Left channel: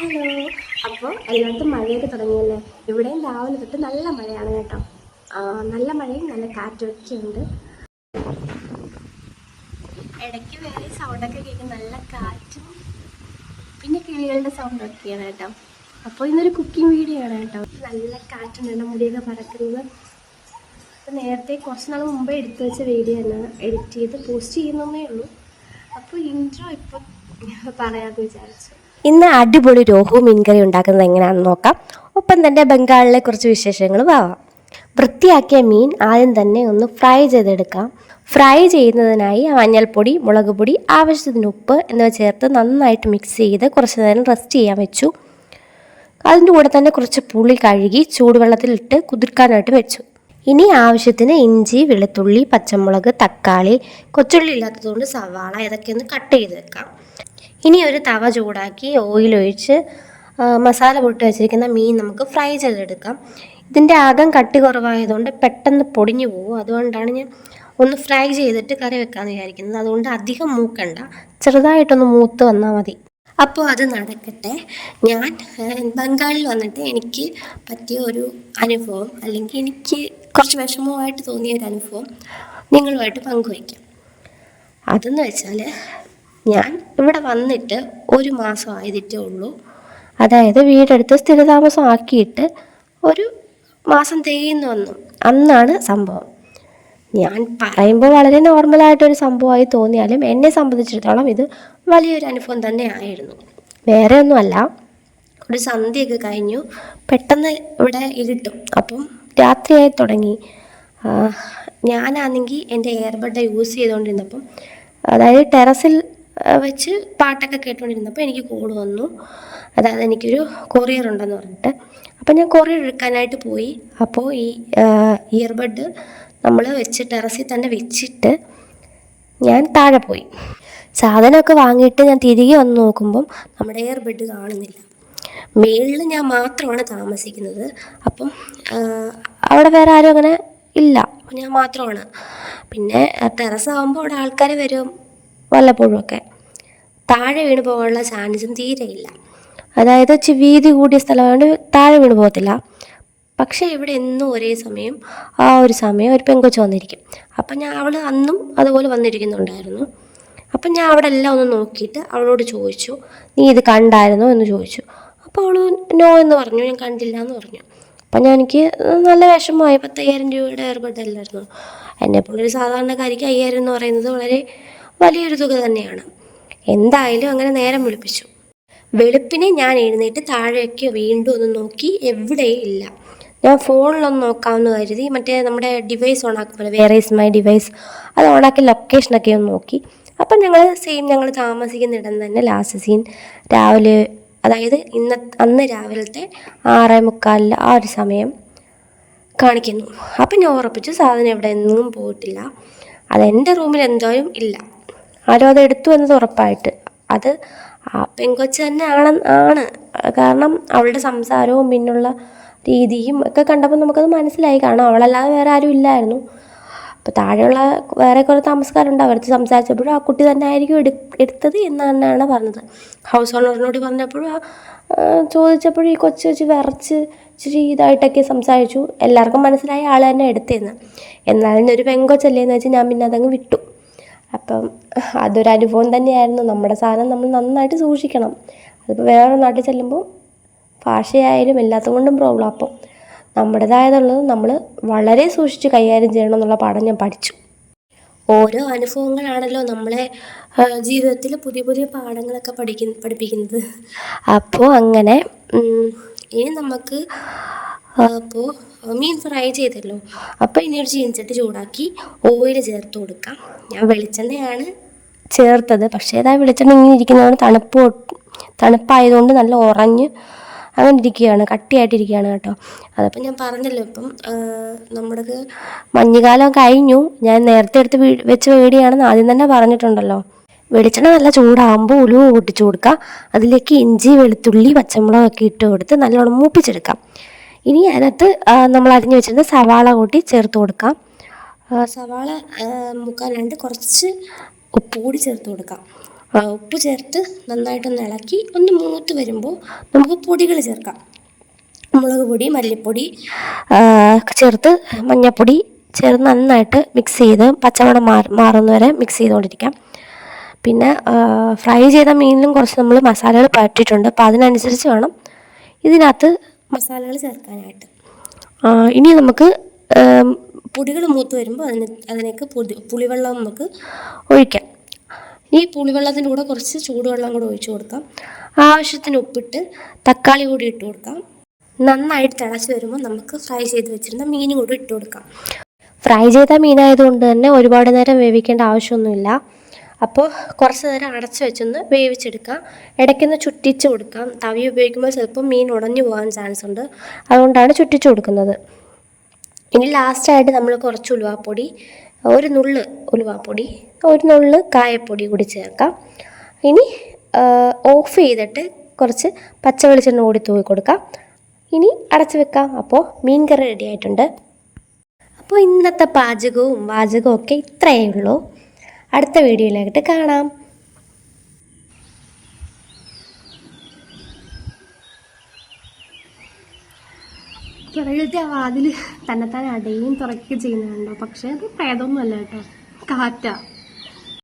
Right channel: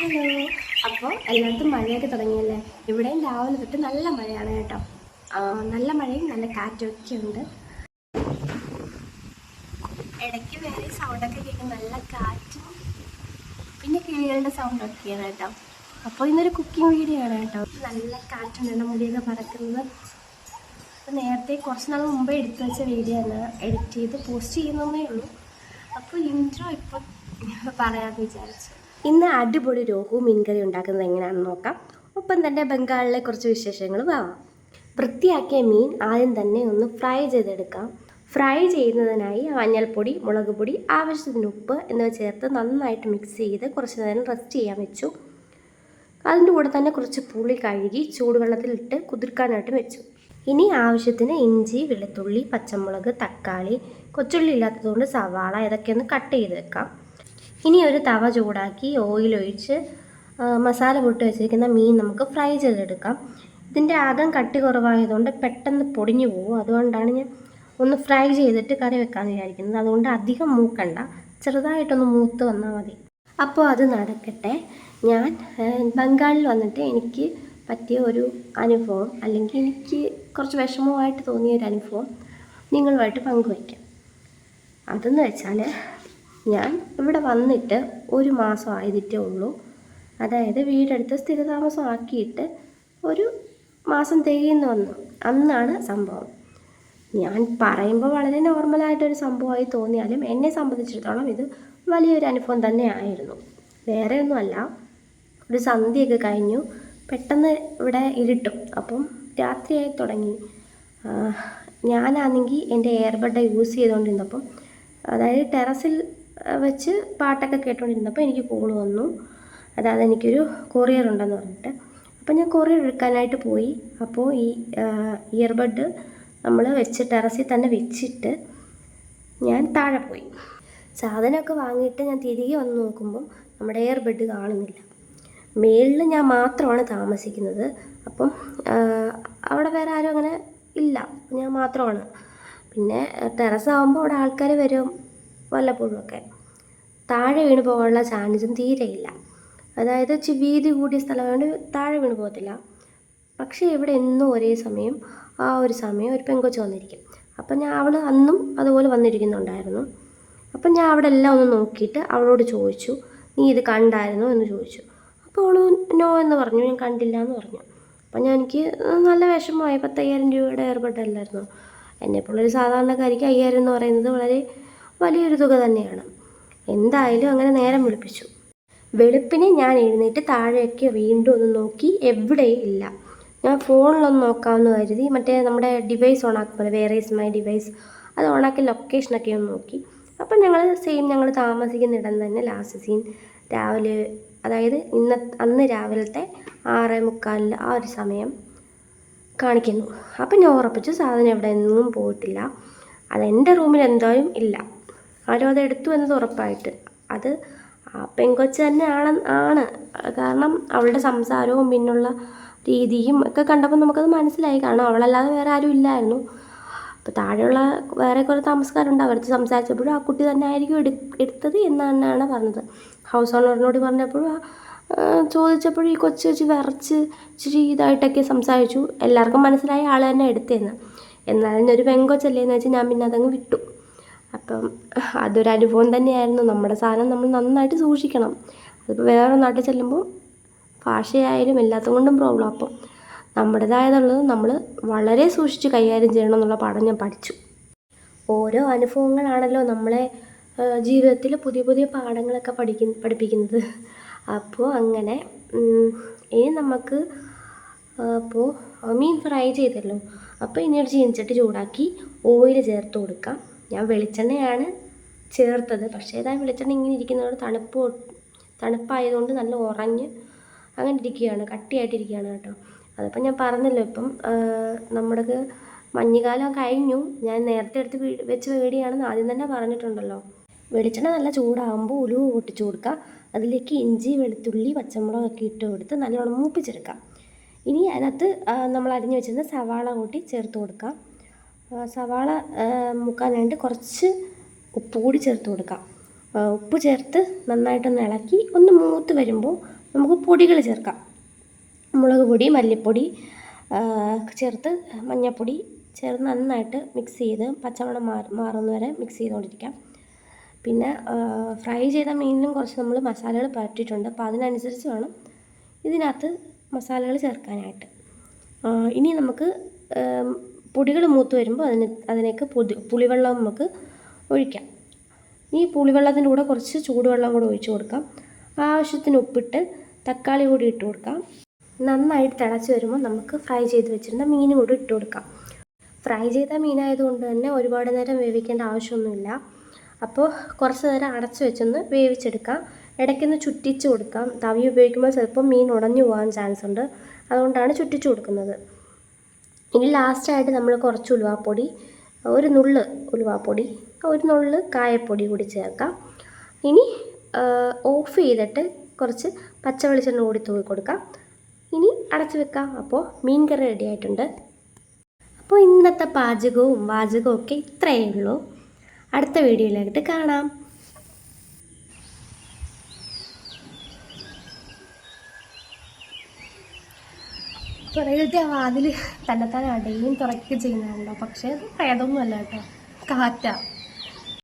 Hello. അപ്പോൾ എല്ലായിടത്തും മഴയൊക്കെ തുടങ്ങിയല്ലേ? ഇവിടെയും രാവിലെ തൊട്ട് നല്ല മഴയാണ് കേട്ടോ. നല്ല മഴയും നല്ല കാറ്റൊക്കെ ഉണ്ട്. ഇടയ്ക്ക് വേറെ സൗണ്ടൊക്കെ കേൾക്കും, നല്ല കാറ്റും പിന്നെ കിളികളുടെ സൗണ്ടൊക്കെയാണ് കേട്ടോ. അപ്പോൾ ഇന്നൊരു കുക്കിംഗ് വീഡിയോ ആണ് കേട്ടോ. നല്ല കാറ്റുണ്ട്, മുടിയൊക്കെ പറക്കുന്നത്. അപ്പോൾ നേരത്തെ കുറച്ച് നാൾ മുമ്പേ എടുത്തു വെച്ച വീഡിയോ ആണ്, എഡിറ്റ് ചെയ്ത് പോസ്റ്റ് ചെയ്യുന്നതേ ഉള്ളൂ. അപ്പോൾ ഇൻട്രോ ഇപ്പോൾ പറയാമെന്ന് വിചാരിച്ചു. ഇന്ന് അടിപൊളി രോഹു മീൻകറി ഉണ്ടാക്കുന്നത് എങ്ങനെയാണെന്ന് നോക്കാം. ഒപ്പം തന്നെ ബംഗാളിലെ കുറച്ച് വിശേഷങ്ങളും ആവാം. വൃത്തിയാക്കിയ മീൻ ആദ്യം തന്നെ ഒന്ന് ഫ്രൈ ചെയ്തെടുക്കാം. ഫ്രൈ ചെയ്യുന്നതിനായി മഞ്ഞൾപ്പൊടി, മുളക് പൊടി, ആവശ്യത്തിന് ഉപ്പ് എന്നിവ ചേർത്ത് നന്നായിട്ട് മിക്സ് ചെയ്ത് കുറച്ച് നേരം റെസ്റ്റ് ചെയ്യാൻ വെച്ചു. അതിൻ്റെ കൂടെ തന്നെ കുറച്ച് പുളി കഴുകി ചൂടുവെള്ളത്തിലിട്ട് കുതിർക്കാനായിട്ട് വെച്ചു. ഇനി ആവശ്യത്തിന് ഇഞ്ചി, വെളുത്തുള്ളി, പച്ചമുളക്, തക്കാളി, കൊച്ചുള്ളി ഇല്ലാത്തതുകൊണ്ട് സവാള ഇതൊക്കെ ഒന്ന് കട്ട് ചെയ്ത് വെക്കാം. ഇനി ഒരു തവ ചൂടാക്കി ഓയിലൊഴിച്ച് മസാല പൊട്ടി വെച്ചിരിക്കുന്ന മീൻ നമുക്ക് ഫ്രൈ ചെയ്തെടുക്കാം. ഇതിൻ്റെ അകം കട്ടി കുറവായതുകൊണ്ട് പെട്ടെന്ന് പൊടിഞ്ഞു പോകും. അതുകൊണ്ടാണ് ഞാൻ ഒന്ന് ഫ്രൈ ചെയ്തിട്ട് കറി വെക്കാമെന്ന് വിചാരിക്കുന്നത്. അതുകൊണ്ട് അധികം മൂക്കണ്ട, ചെറുതായിട്ടൊന്ന് മൂത്ത് വന്നാൽ മതി. അപ്പോൾ അത് നടക്കട്ടെ. ഞാൻ ബംഗാളിൽ വന്നിട്ട് എനിക്ക് പറ്റിയ ഒരു അനുഭവം, അല്ലെങ്കിൽ എനിക്ക് കുറച്ച് വിഷമമായിട്ട് തോന്നിയ ഒരു അനുഭവം നിങ്ങളുമായിട്ട് പങ്കുവയ്ക്കാം. അതെന്ന് വെച്ചാൽ, ഞാൻ ഇവിടെ വന്നിട്ട് 1 മാസം ആയതിട്ടേ ഉള്ളൂ. അതായത് വീടെടുത്ത് സ്ഥിരതാമസം ആക്കിയിട്ട് 1 മാസം തികയുന്നു വന്നു. അന്നാണ് സംഭവം. ഞാൻ പറയുമ്പോൾ വളരെ നോർമലായിട്ടൊരു സംഭവമായി തോന്നിയാലും എന്നെ സംബന്ധിച്ചിടത്തോളം ഇത് വലിയൊരു അനുഭവം തന്നെ ആയിരുന്നു. വേറെ ഒന്നുമല്ല, ഒരു സന്ധ്യയൊക്കെ കഴിഞ്ഞു, പെട്ടെന്ന് ഇവിടെ ഇരുട്ടും. അപ്പം രാത്രിയായി തുടങ്ങി. ഞാനാണെങ്കിൽ എൻ്റെ എയർബഡ് യൂസ് ചെയ്തുകൊണ്ടിരുന്നപ്പം, അതായത് ടെറസിൽ വെച്ച് പാട്ടൊക്കെ കേട്ടുകൊണ്ടിരുന്നപ്പോൾ എനിക്ക് കോൾ വന്നു. അതായത് എനിക്കൊരു കൊറിയർ ഉണ്ടെന്ന് പറഞ്ഞിട്ട്. അപ്പം ഞാൻ കൊറിയർ എടുക്കാനായിട്ട് പോയി. അപ്പോൾ ഈ ഇയർബഡ് നമ്മൾ വെച്ച് ടെറസിൽ തന്നെ വെച്ചിട്ട് ഞാൻ താഴെ പോയി. സാധനമൊക്കെ വാങ്ങിയിട്ട് ഞാൻ തിരികെ വന്ന് നോക്കുമ്പം നമ്മുടെ എയർബഡ് കാണുന്നില്ല. മേളിൽ ഞാൻ മാത്രമാണ് താമസിക്കുന്നത്. അപ്പം അവിടെ വേറെ ആരും അങ്ങനെ ഇല്ല, ഞാൻ മാത്രമാണ്. പിന്നെ ടെറസ് ആകുമ്പോൾ അവിടെ ആൾക്കാർ വരും വല്ലപ്പോഴും ഒക്കെ. താഴെ വീണ് പോകാനുള്ള ചാൻസും തീരെയില്ല. അതായത് വീതി കൂടിയ സ്ഥലമായതുകൊണ്ട് താഴെ വീണ് പോകത്തില്ല. പക്ഷേ ഇവിടെ എന്നും ഒരേ സമയം ഒരു സമയം ഒരു പെങ്കൊച്ച് വന്നിരിക്കും. അപ്പം അവൾ അന്നും അതുപോലെ വന്നിരിക്കുന്നുണ്ടായിരുന്നു. അപ്പം ഞാൻ അവിടെ എല്ലാം ഒന്ന് നോക്കിയിട്ട് അവളോട് ചോദിച്ചു, നീ ഇത് കണ്ടായിരുന്നോ എന്ന് ചോദിച്ചു. അപ്പോൾ അവൾ നോ എന്ന് പറഞ്ഞു, ഞാൻ കണ്ടില്ല എന്ന് പറഞ്ഞു. അപ്പം എനിക്ക് നല്ല വിഷമമായി. 10,000 രൂപയുടെ എയർബഡ് അല്ലായിരുന്നു. എന്നെപ്പോലൊരു സാധാരണക്കാരിക്ക് 5,000 എന്ന് പറയുന്നത് വളരെ വലിയൊരു തുക തന്നെയാണ്. എന്തായാലും അങ്ങനെ നേരം വെളുപ്പിച്ചു. വെളുപ്പിനെ ഞാൻ എഴുന്നേറ്റ് താഴേക്ക് വീണ്ടും ഒന്ന് നോക്കി, എവിടെയും ഇല്ല. ഞാൻ ഫോണിലൊന്ന് നോക്കാമെന്ന് കരുതി മറ്റേ നമ്മുടെ ഡിവൈസ് ഓണാക്കുമ്പോൾ വേറെ ഈസ് മൈ ഡിവൈസ് അത് ഓണാക്കി ലൊക്കേഷനൊക്കെ ഒന്ന് നോക്കി. അപ്പം ഞങ്ങൾ താമസിക്കുന്നിടം തന്നെ ലാസ്റ്റ് സീൻ രാവിലെ, അതായത് അന്ന് രാവിലത്തെ 6:45 ആ ഒരു സമയം കാണിക്കുന്നു. അപ്പം ഞാൻ ഉറപ്പിച്ചു സാധനം എവിടെ എങ്ങും പോയിട്ടില്ല. അതെൻ്റെ റൂമിൽ എന്തായാലും ഇല്ല. ആരും അത് എടുത്തു എന്നത് ഉറപ്പായിട്ട്. അത് ആ പെങ്കൊച്ച് തന്നെ ആണ്. കാരണം അവളുടെ സംസാരവും പിന്നുള്ള രീതിയും ഒക്കെ കണ്ടപ്പോൾ നമുക്കത് മനസ്സിലായി. കാരണം അവളല്ലാതെ വേറെ ആരും ഇല്ലായിരുന്നു. അപ്പോൾ താഴെയുള്ള വേറെ കുറേ താമസക്കാരുണ്ട്, അവർക്ക് സംസാരിച്ചപ്പോഴും ആ കുട്ടി തന്നെ ആയിരിക്കും എടുത്തത് എന്ന് തന്നെയാണ് പറഞ്ഞത്. ഹൗസ് ഓണറിനോട് പറഞ്ഞപ്പോഴും ചോദിച്ചപ്പോഴും ഈ കൊച്ച് വിറച്ച് ഇച്ചിരി ഇതായിട്ടൊക്കെ സംസാരിച്ചു. എല്ലാവർക്കും മനസ്സിലായി ആൾ തന്നെ എടുത്തതെന്ന്. എന്നാലും ഒരു പെങ്കൊച്ചല്ലേ എന്ന് വെച്ച് ഞാൻ പിന്നെ അതങ്ങ് വിട്ടു. അപ്പം അതൊരു അനുഭവം തന്നെയായിരുന്നു. നമ്മുടെ സാധനം നമ്മൾ നന്നായിട്ട് സൂക്ഷിക്കണം. അതിപ്പോൾ വേറെ നാട്ടിൽ ചെല്ലുമ്പോൾ ഭാഷയായാലും എല്ലാത്തും കൊണ്ടും പ്രോബ്ലം. അപ്പം നമ്മുടേതായതുള്ളത് നമ്മൾ വളരെ സൂക്ഷിച്ച് കൈകാര്യം ചെയ്യണം എന്നുള്ള പാഠം ഞാൻ പഠിച്ചു. ഓരോ അനുഭവങ്ങളാണല്ലോ നമ്മളെ ജീവിതത്തിൽ പുതിയ പുതിയ പാഠങ്ങളൊക്കെ പഠിപ്പിക്കുന്നത്. അപ്പോൾ അങ്ങനെ ഇനി നമുക്ക് അപ്പോൾ മീൻ ഫ്രൈ ചെയ്തല്ലോ. അപ്പോൾ ഇനി ഒരു ചീനച്ചട്ടി ചൂടാക്കി ഓയിൽ ചേർത്ത് കൊടുക്കാം. ഞാൻ വെളിച്ചെണ്ണയാണ് ചേർത്തത്. പക്ഷേ അതാ വെളിച്ചെണ്ണ ഇങ്ങനെ ഇരിക്കുന്നതാണ്, തണുപ്പായതുകൊണ്ട് നല്ല ഉറഞ്ഞ് അങ്ങനെ ഇരിക്കുകയാണ്, കട്ടിയായിട്ടിരിക്കുകയാണ് കേട്ടോ. അതപ്പം ഞാൻ പറഞ്ഞല്ലോ, ഇപ്പം നമ്മുടെ മഞ്ഞുകാലം കഴിഞ്ഞു. ഞാൻ നേരത്തെ എടുത്ത് വെച്ച വീഡിയോയാണെന്ന് ആദ്യം തന്നെ പറഞ്ഞിട്ടുണ്ടല്ലോ. വെളിച്ചെണ്ണ നല്ല ചൂടാകുമ്പോൾ ഉലുവ പൊട്ടിച്ചു കൊടുക്കുക. അതിലേക്ക് ഇഞ്ചി, വെളുത്തുള്ളി, പച്ചമുളകൊക്കെ ഇട്ട് കൊടുത്ത് നല്ലോണം മൂപ്പിച്ചെടുക്കാം. ഇനി അതിനകത്ത് നമ്മൾ അരിഞ്ഞു വെച്ചിരുന്ന സവാള കൂട്ടി ചേർത്ത് കൊടുക്കാം. സവാള മുക്കാലായിട്ട് കുറച്ച് ഉപ്പ് കൂടി ചേർത്ത് കൊടുക്കാം. ഉപ്പ് ചേർത്ത് നന്നായിട്ടൊന്ന് ഇളക്കി ഒന്ന് മൂത്ത് വരുമ്പോൾ നമുക്ക് പൊടികൾ ചേർക്കാം. മുളക് പൊടി, മല്ലിപ്പൊടി ചേർത്ത് മഞ്ഞൾപ്പൊടി ചേർത്ത് നന്നായിട്ട് മിക്സ് ചെയ്ത് പച്ചമണം മാറുന്നവരെ മിക്സ് ചെയ്തുകൊണ്ടിരിക്കാം. പിന്നെ ഫ്രൈ ചെയ്ത മീനിലും കുറച്ച് നമ്മൾ മസാലകൾ പറ്റിയിട്ടുണ്ട്. അപ്പോൾ അതിനനുസരിച്ച് വേണം ഇതിനകത്ത് മസാലകൾ ചേർക്കാനായിട്ട്. ഇനി നമുക്ക് പൊടികൾ മൂത്ത് വരുമ്പോൾ അതിലേക്ക് പുളിവെള്ളം നമുക്ക് ഒഴിക്കാം. ഈ പുളിവെള്ളത്തിൻ്റെ കൂടെ കുറച്ച് ചൂടുവെള്ളം കൂടെ ഒഴിച്ച് കൊടുക്കാം. ആവശ്യത്തിന് ഉപ്പിട്ട് തക്കാളി കൂടി ഇട്ട് കൊടുക്കാം. നന്നായിട്ട് തിളച്ച് വരുമ്പോൾ നമുക്ക് ഫ്രൈ ചെയ്ത് വെച്ചിരുന്ന മീൻ കൂടി ഇട്ട് കൊടുക്കാം. ഫ്രൈ ചെയ്ത മീനായതുകൊണ്ട് തന്നെ ഒരുപാട് നേരം വേവിക്കേണ്ട ആവശ്യമൊന്നുമില്ല. അപ്പോൾ കുറച്ച് നേരം അടച്ച് വെച്ചൊന്ന് വേവിച്ചെടുക്കാം. ഇടയ്ക്കൊന്ന് ചുറ്റിച്ച് കൊടുക്കാം. തവി ഉപയോഗിക്കുമ്പോൾ ചിലപ്പോൾ മീൻ ഉടഞ്ഞു പോകാൻ ചാൻസ് ഉണ്ട്, അതുകൊണ്ടാണ് ചുറ്റിച്ച് കൊടുക്കുന്നത്. ഇനി ലാസ്റ്റായിട്ട് നമ്മൾ കുറച്ച് ഉലുവാപ്പൊടി, ഒരു നുള്ള് ഉലുവാപ്പൊടി, ഒരു നുള്ള് കായപ്പൊടി കൂടി ചേർക്കാം. ഇനി ഓഫ് ചെയ്തിട്ട് കുറച്ച് പച്ച വെളിച്ചെണ്ണ കൂടി തൂവി കൊടുക്കാം. ഇനി അടച്ച് വെക്കാം. അപ്പോൾ മീൻ കറി റെഡി ആയിട്ടുണ്ട്. അപ്പോൾ ഇന്നത്തെ പാചകവും വാചകവും ഒക്കെ ഇത്രയേ ഉള്ളൂ. അടുത്ത വീഡിയോയിലായിട്ട് കാണാം. പുറകിലത്തെ വാതിൽ തന്നെത്താനെ അടയും തുറക്കുകയും ചെയ്യുന്നുണ്ടോ? പക്ഷേ അത് പ്രേതമൊന്നുമല്ല കേട്ടോ, കാറ്റാ.